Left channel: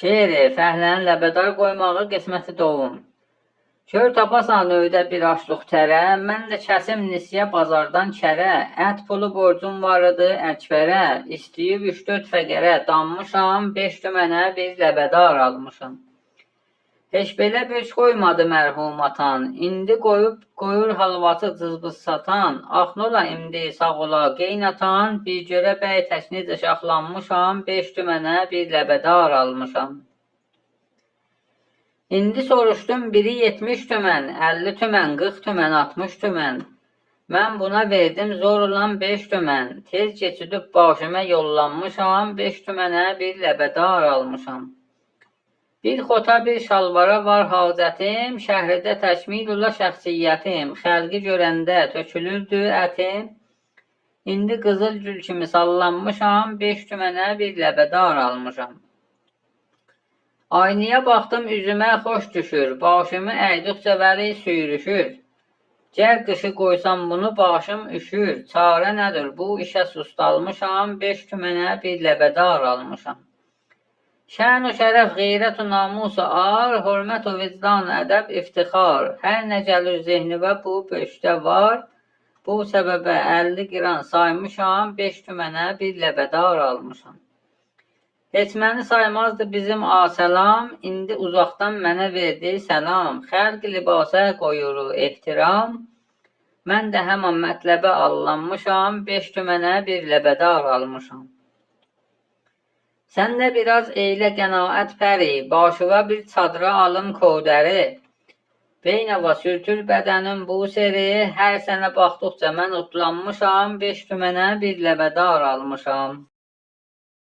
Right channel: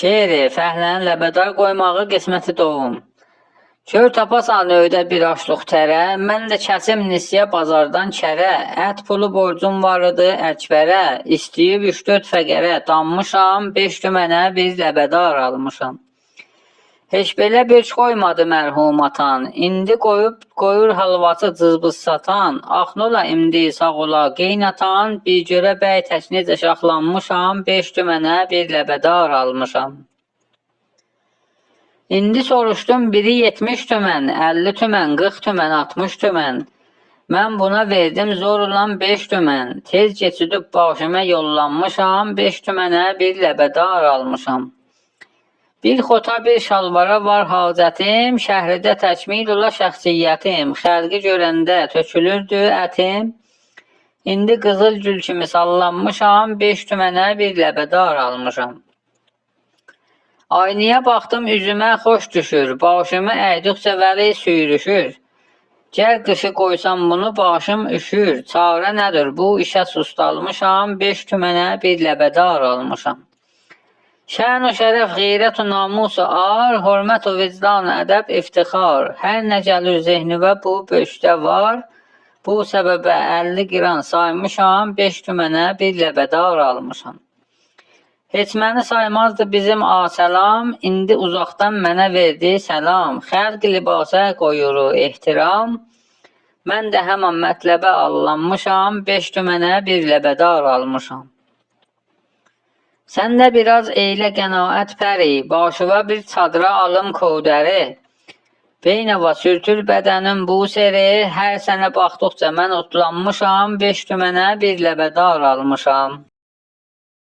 Şeiri, fəhlənin ləbədar qoymağı qisməti doğum. Kör tapasan öydə bir aşlıq tərə, mən də kəsim nisyə bazardan kərə, ət pulu borcum var idi əkbərə, istəyib 3-4 fəqərə, danmışam, 5 tümənə bir ləbədar almışam. Heç belə beç qoymadı mərhum atan, indi qoyur halvası cızbız satan, axnola imdi sağ ola qeynatan, bir görə bəy tək necə şaxlanmışam, 5 tümənə bir ləbədar almışam. İndi soruşdum biri 70 tümən, 50 tümən, 40 tümən, 60 tümən. Mən buna verdim zorla 5 tümən, tez keçidib başıma yollanmışam, 5 tümənə bir ləbədar almışam. Bir xota bir şalvara var hacətim, şəhridə təkmil ola şəxsiyyətim, xəlqi görəndə tökülürdü ətim, indi qızıl gül kimi sallanmışam, 5 tümənə bir ləbədar almışam. Aynaya baxdım üzümə xoş düşür, başımı əydıqca vəli süyrüşür. Gəl qışı qoysam bunu başım üşür, çarə nədir bu işə sustalmışam, 5 tümənə bir ləbədar almışam. Şən-u şərəf, qeyrət-u namus-u ar, hörmət-u vicdan, ədəb, iftixar. Hər nə gəlir zehnivə bu böşdə var, bu səbəbə 50 qiran saymışam, 5 tümənə bir ləbədar almışam. Heç məni saymazdı bizim asəlam, indi uzaqdan mənə verdi səlam. Xəlq libasa qoyuru ehtiram, mən də həman mətləbə allanmışam, 5 tümənə bir ləbədar almışam. Sən də biraz eylə qənaət pəri, başıva bir çadıra alım kodəri. Beynəva sürtür bədənim bu seri, hər sənə baxdıqca mən otlanmışam, 5 tümənə bir ləbədar almışam.